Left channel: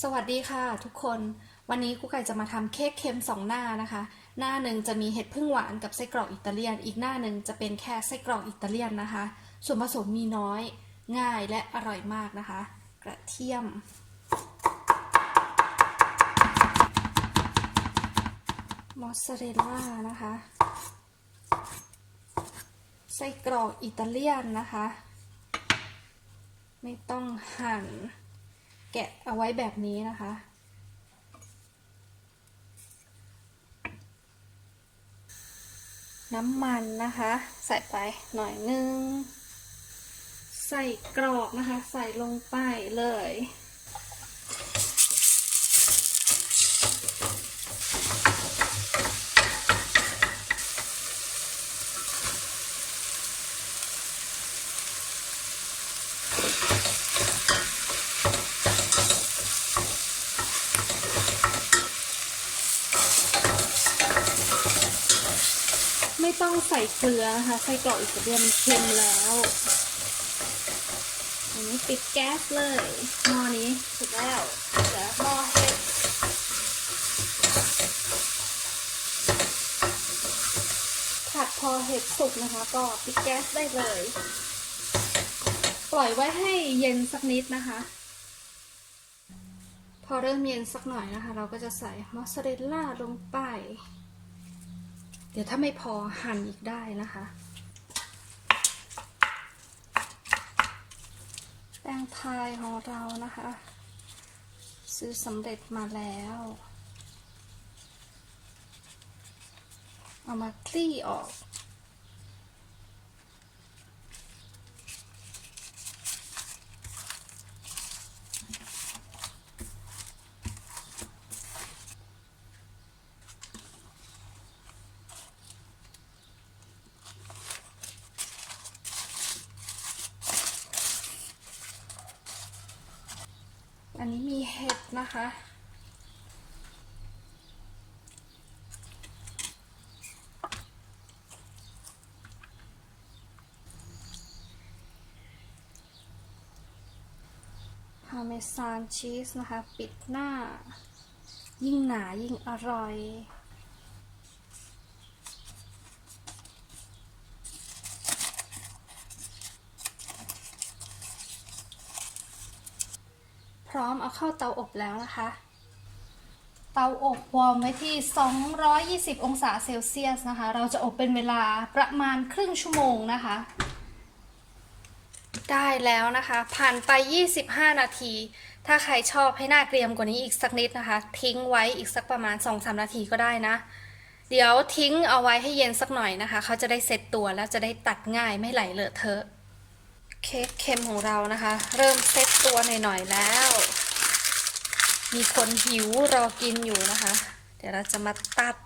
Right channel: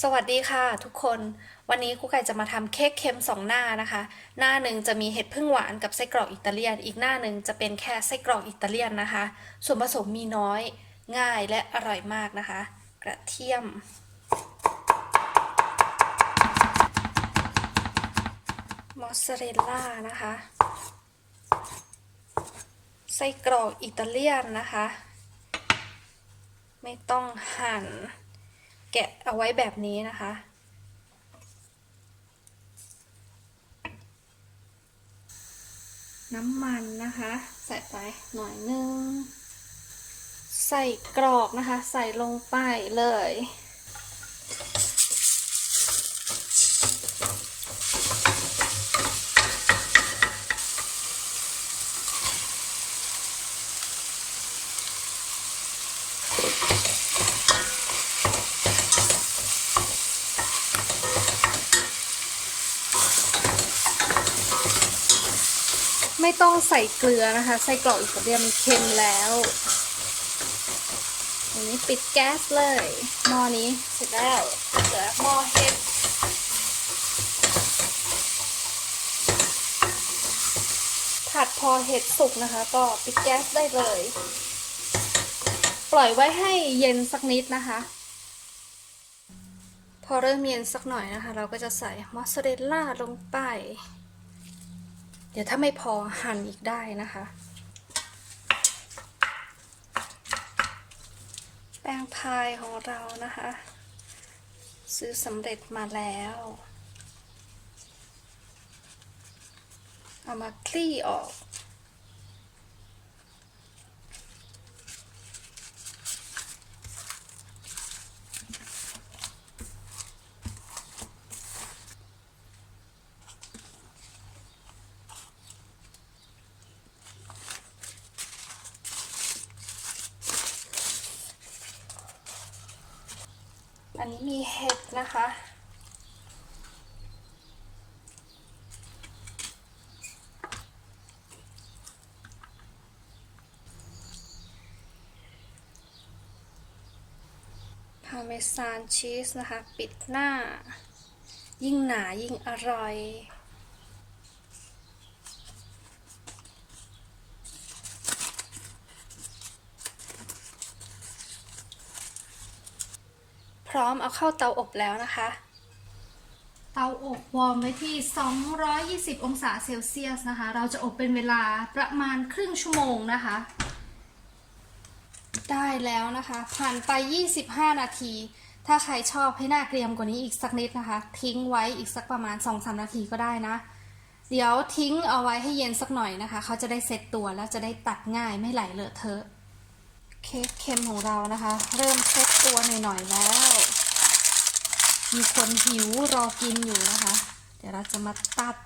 สวัสดีค่ะทุกคนวันนี้ครูไก่จะมาทำเค้กเค็มสองหน้านะคะ หน้าหนึ่งจะมีเห็ดพึ่งหวานกับไส้กรอกอิตาเลียน อีกหน้าหนึ่งจะเป็นแค่ไส้กรอกอิตาเลียนนะคะ ส่วนผสมมีน้อย ง่ายและอร่อยมากนะคะ กระเทียม มอสซาเรลล่านะคะ ไส้กรอกอิตาเลียนนะคะ ไม่ต้องหั่น แกะเอาไว้แบบนี้นะคะ น้ำมันนะคะ ใส่ไปหน่อยนึง ใส่กรอบนะคะ ใส่ลงไปเลย ไม่ต้องใส่เกลือนะคะใส่กรอกอิตาเลียนมันเค็มแล้วอันนี้ปิดแก๊สเลยหม้อนี้เสร็จแล้วเหลือหม้อเห็ดผัดพอเห็ดสุกนะคะ ก็ปิดแก๊สได้เลย ปล่อยไว้ให้เย็นสักนิดนะคะ พอเริ่มเย็นสักหน่อยนะคะ เราก็จะใส่มอสซาเรลล่าลงไป เดี๋ยวถ้าไม่พอหั่นอีกได้นะคะ แป้งพายของเรานะคะ ซื้อสำเร็จมาแล้ว เอามาคลี่ออก อันนี้มีเห็ดนะคะ พาเมซานชีสนะคะ ปิดหน้า ยิ่งหนายิ่งอร่อย พร้อมเอาเข้าเตาอบแล้วนะคะ เตาอบวอร์มไว้ที่ 220 องศาเซลเซียสนะคะ เราจะอบเป็นเวลาประมาณครึ่งชั่วโมงนะคะ ได้แล้วนะคะ ผ่านไป 25 นาที ถ้าใครชอบให้หน้าเกรียมกว่านี้อีกสักนิดนะคะ ทิ้งไว้อีกสักประมาณ 2-3 นาทีก็ได้นะเดี๋ยวทิ้งเอาไว้ให้เย็นสักหน่อยนะคะ เขาจะได้เซ็ตตัวแล้วจะได้ตัดง่ายไม่ไหลเลอะเทอะ เค้กเค็มของเรานะคะ เริ่มเซ็ตตัวหน่อยๆแล้ว มีคนหิวรอกินอยู่นะคะ เดี๋ยวเราจะมาตัด